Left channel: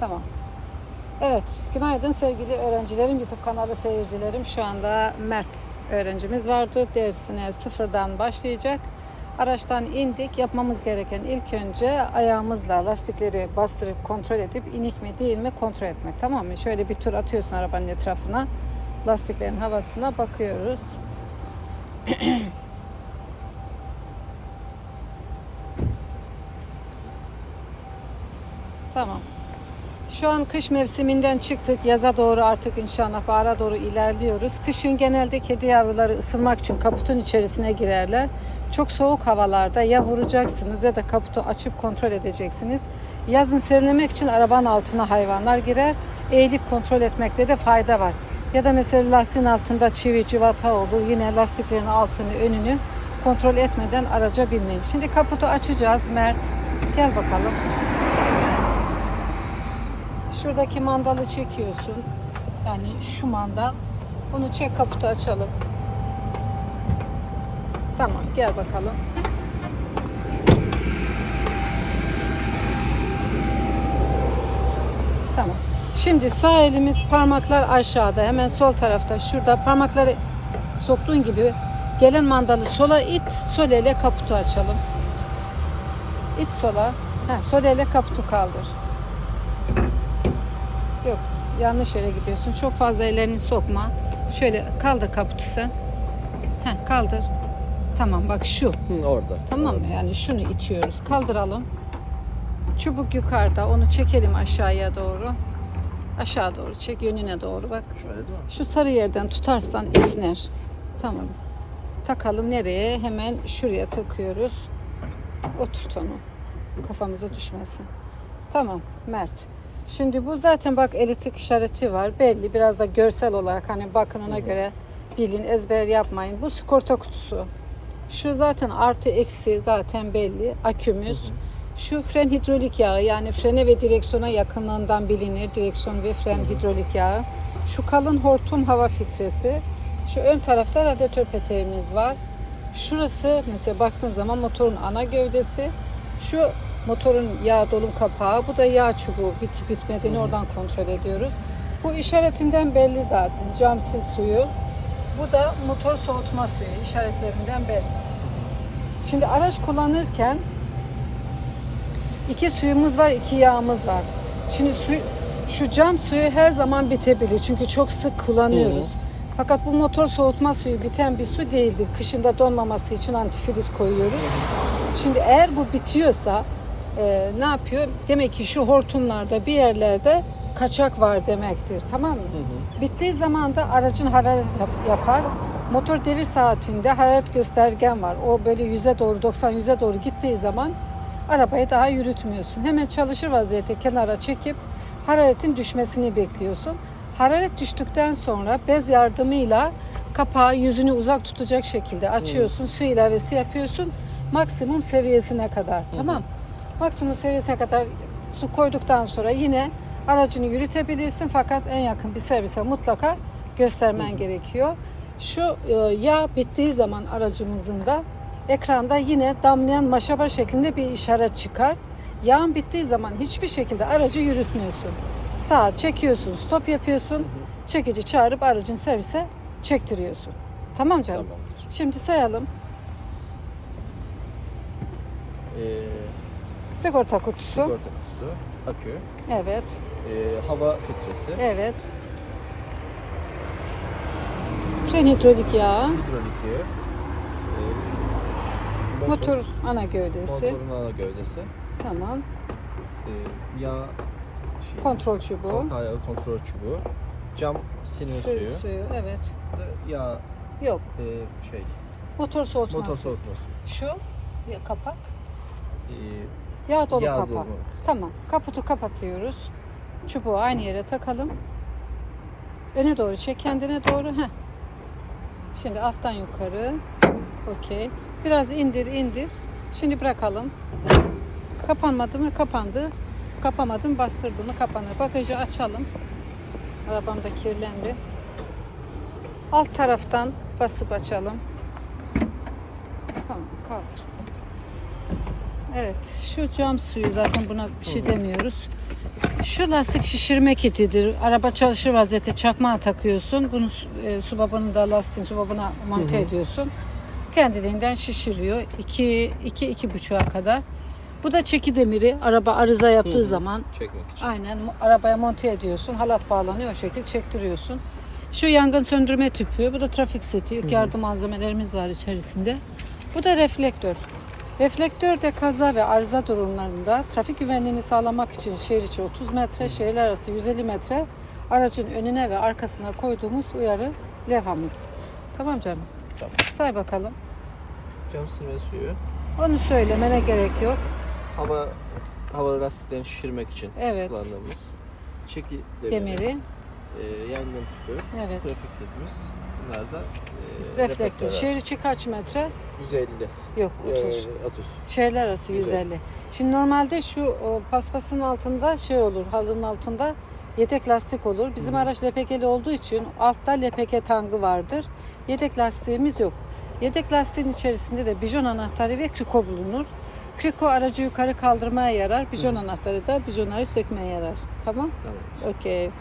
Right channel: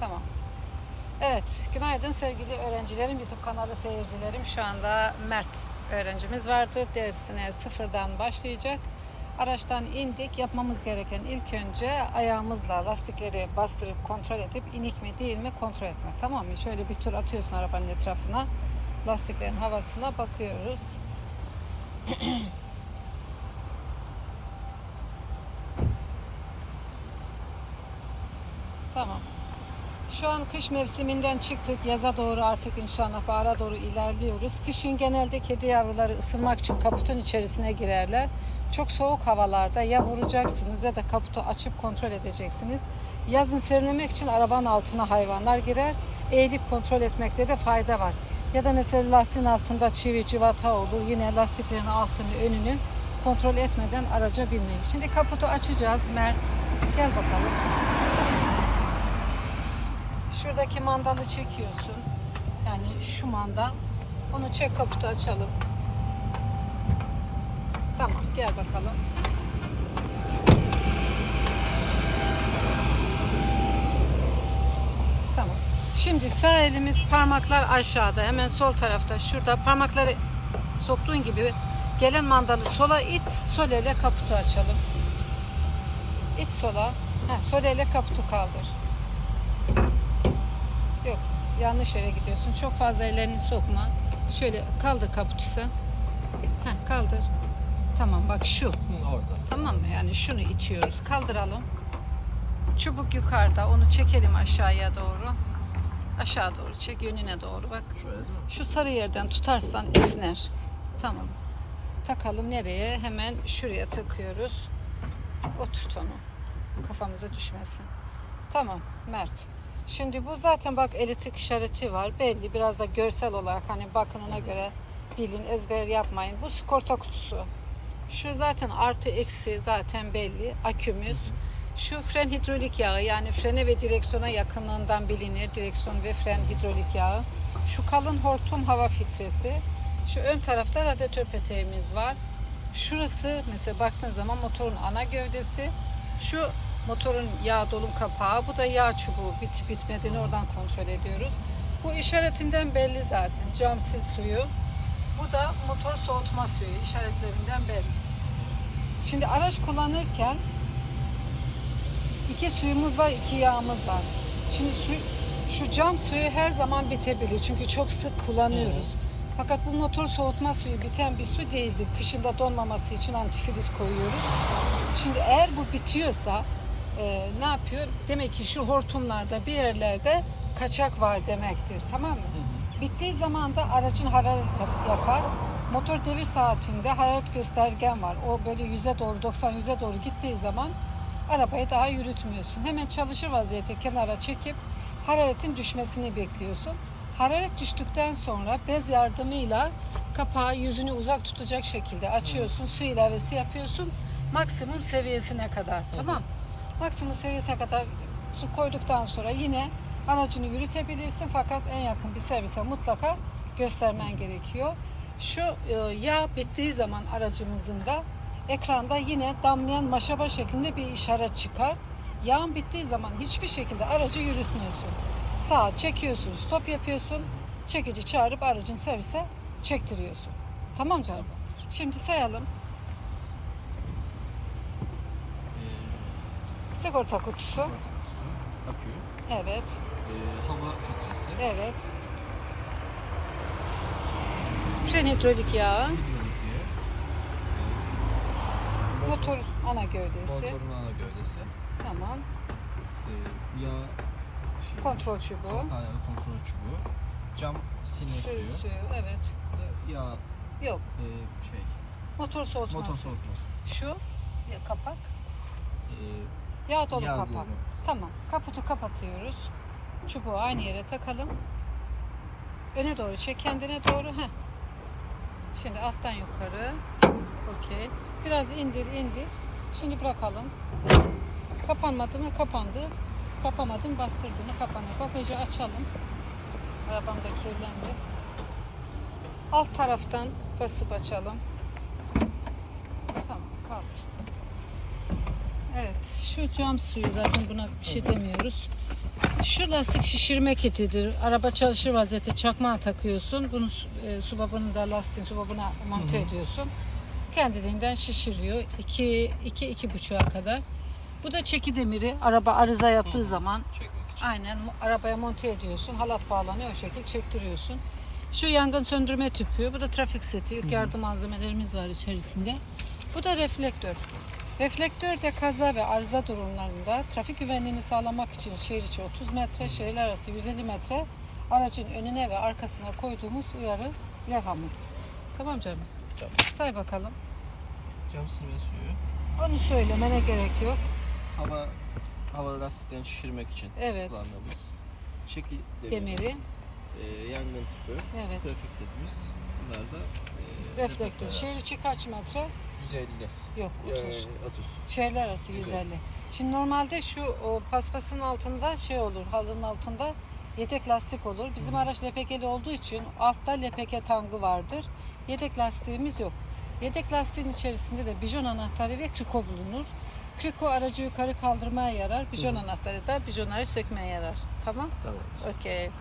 Tamam. Evet, günaydın sevgili öğrencilerim, YouTube kanalı seyircilerim. Şu anda Mert öğrencimiz vardı. Dersine sıfırdan başlayacak. Araçtan indik. Yapmamız gereken ilk önce ayağımızla lastikleri bastırıp kontrol edip inik mi değil mi kontrol etmek. Tamam mı? Şöyle bir tur atıyorsun arabanın etrafına. Lastiklerin havasına bakıyoruz. Tamam. Şu an kış mevsiminden çıktık. Yaza doğru artık inşallah bahara doğru ilerliyoruz. Kışın genelde kedi yavruları ısınmak için kaputun içerisine girerler. Çok soğuk havalarda ya vuracaksınız ya da kaputu açıp kontrol edeceksiniz. Yazın serinlemek için arabanın altına hayvanlar girer. Eğilip kontrol etmekte de fayda var. Ya da mesela lastiğin altında çivi civata olur. Yine lastiklerin altını önünü kontrol etmeden araca binmeyin. Şimdi kaputu açacağız Mert. Gel bakalım. Şuradaki mandalı çekiyorsun. Yani şu mandal. Bunu çek kaputu açalım. Tamam gel bakalım. Tamam. Şimdi sağ elimiz parmaklar aşağıda. Hemen sol tarafta. Şurada parmakları soktuğun gibi gelen mandalı sola it. Sol ele kaputu açalım. İt sola. Ha, sol ele kaputu kaldır. Yok yanlış yere gidiyorsun. Çok fazla ellerini sokma. Şöyle kaldır kaputu sen. Heh, kaldır. Tamam bak şu. Hı, orada. Tamam mı? Yani şunu itiyoruz. Kaldıralım. Çubuk yukarıda. Onu çekelim aşağıya doğru. Aşağı doğru çek. Yönüne doğru bak. Şöyle değil mi? Şu sarı yerden tutarsan esner. Tamam. Takalım nereye? Hemen şuraya takıyoruz. Oturt onu. Kafamıza düşmesin. Tamam Mert. Şimdi bu zaten bak elektrik işareti var. Belli biraz da görsel olarak hani bakın ona göre bilin ezber yapmayın. Bu sigorta kutusu. Şu zaten artı eksi zaten belli. Akümüz. Şu fren hidrolik yağı yani frene ve direksiyona yakınlığından bilinir. Direksiyon ve fren hidrolik yağı. Şu kalın hortum hava filtresi. Şu ön tarafta radyatör peteğimiz var. Şurası mesela baktığın zaman motorun ana gövdesi. Şu motorun yağ dolum kapağı. Bu da yağ çubuğu. Bitip bitmediğini oradan kontrol ediyoruz. Bu işaretinden belli zaten. Cam sil suyu. Bu da motor soğutma suyu. işaretlerinden belli. Şimdi araç kullanırken iki suyumuz var, iki yağımız var. Şimdi su, şu cam suyu her zaman bitebilir çünkü çok sık kullanıyoruz. Hı Fakat bu motor soğutma suyu biten bir su değildir. Kışında donmaması için antifriz koyuyoruz. Şimdi eğer bu bitiyorsa e, ne yapıyor? Demek ki şu hortumlarda bir yerlerde kaçak var demektir. Tamam mı? Hı hı. Bittiği zaman da aracın hararet yap- yapar. Motor devir saatinde hararet göstergen var. O böyle yüze doğru 90 yüze doğru gittiği zaman arabayı daha yürütmüyorsun. Hemen çalışır vaziyette kenara çekip hararetin düşmesini bekliyorsun. Hararet düştükten sonra bez yardımıyla kapağı yüzünü uzak tutacak şekilde açıyorsun. Su ilavesi yapıyorsun. Maksimum seviyesine kadar. Tamam. Maksimum seviyesine kadar su koyduktan sonra yine aracını yürütebilirsin fakat en yakın bir servise mutlaka göstermen gerekiyor. Şu e, yağ bittiği zaman aracımızın da ekranda yine damlayan maşaba şeklinde bir işaret çıkar. Yağın bittiği zaman hiçbir şekilde aracı yürütmüyorsun. Sağa çekiyorsun, stop yapıyorsun. Çekici çağırıp aracın servise çektiriyorsun. Tamam canım. Şimdi sayalım. Ee, Sigorta kutusu. sigorta kutusu, akü, Evet. ee, hava filtresi, Evet. Fren hidrolik yağı. hidrolik yağı, ee, Motor ana gövdesi. motorun ana gövdesi, Tamam. ee, yağ şeyi, Kontrol çubuğu. Kontrol, kontrol çubuğu, cam silme Suyu, suyu, suyu. Evet. yağ, Yok. ee, şey, Motor soğutması. motor soğutma suyu, Şu kapak. ee, Yağ dolu yağ kapak. dolu. Tamam. Kaputu kapatıyoruz. Çubuğu aynı yere takalım. Öne doğru çek kendine doğru. Heh. Şimdi alttan yukarı. Okey. Biraz indir indir. Şimdi bırakalım. Kapanmadı mı? Kapandı. Kapamadım bastırdı mı? Kapanır. Bagajı açalım. Arabam da kirlendi. Alt taraftan basıp açalım. Tamam kaldır. Evet, şu cam suyu zaten buna bir şey demiyoruz. Şu lastik şişirme kitidir. Araba çalışır vaziyette çakmağa takıyorsun. Bunu e, su babını da lastiğin su babına monte Hı hı. ediyorsun. Kendiliğinden şişiriyor. 2 2 iki buçuğa kadar. Bu da çeki demiri. Araba arıza yaptığı Hı hı. zaman Çekmek için. aynen arabaya monte ediyorsun. Halat bağlanıyor o şekilde çektiriyorsun. Şu yangın söndürme tüpü. Bu da trafik seti. İlk yardım malzemelerimiz var içerisinde. Bu da reflektör. Reflektör de kaza ve arıza durumlarında trafik güvenliğini sağlamak için şehir içi 30 metre, şehirler arası 150 metre aracın önüne ve arkasına koyduğumuz uyarı levhamız. Tamam canım. Tamam. Say bakalım. Cam suyu. Onu söylemene gerek yok. Hava hava lastiklerini şişirmek için Evet. kullandığımız çeki demiri, Demiri. e, yangın tüpü, Evet. trafik setimiz. Bunlar da e, Reflektör. reflektörler. Şehir içi kaç metre? 150. Yok 30. E, 30. Şehirler arası Güzel. 150. Şimdi normalde şu o, paspasın altında şey olur, halının altında yedek lastik olur. Bizim hı. araç LPG'li olduğu için altta LPG tangı vardır. Yedek lastiğimiz yok. Yedek lastiğin içerisinde de bijon anahtarı ve kriko bulunur. Kriko aracı yukarı kaldırmaya yarar. Bijon Hı. anahtarı da bijonları sökmeye yarar. Tamam? Tamam. Okey.